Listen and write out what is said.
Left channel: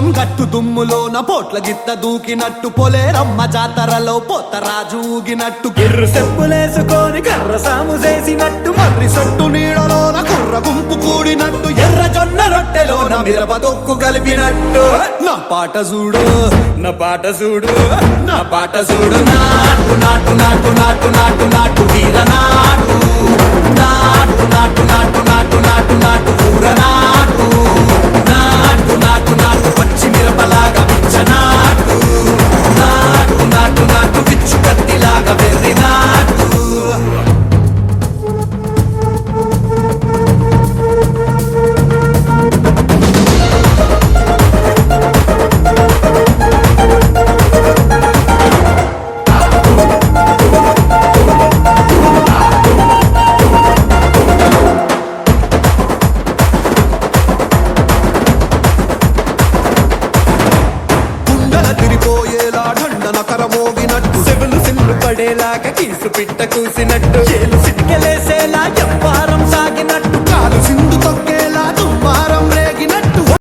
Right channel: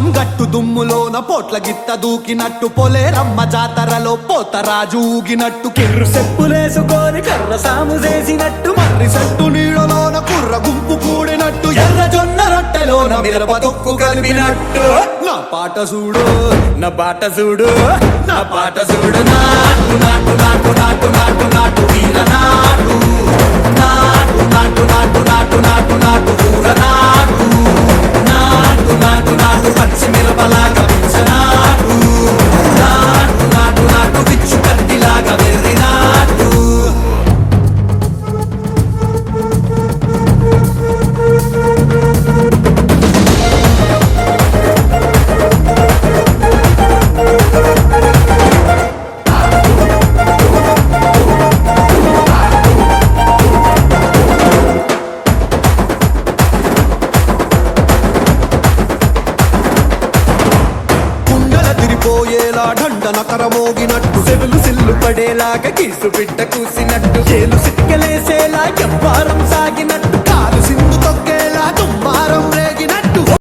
లింగం గట్టు దుమ్ములోన పోట్ల గిత్త దూకినట్టు పొలేరమ్మ జాతరలో పోతరాజు ఊగినట్టు కిర్రు చెప్పులేసుకొని కర్ర సాము చేసినట్టు మర్రి సట్టు నీడలోన కుర్ర గుంపు కూడినట్టు ఎర్ర జొన్న రొట్టెలోన మిరప దొక్కు కలిపినట్టు నా పాట చూడు నా పాట చూడు నా పాట చూడు నాటు నాటు నాటు నాటు నాటు నాటు వీర నాటు నాటు నాటు నాటు నాటు నాటు నాటు ఊర నాటు నాటు నాటు నాటు పచ్చి మిరపలాగా పిచ్చనాటు నాటు నాటు నాటు పిచ్చు కత్తిలాగా వెర్రి నాటు పోయేలా ఢండన కరమోగినట్టు సెగలు సిల్లు పడేలాగా కీసు పిట్ట కూసినట్టు చేలు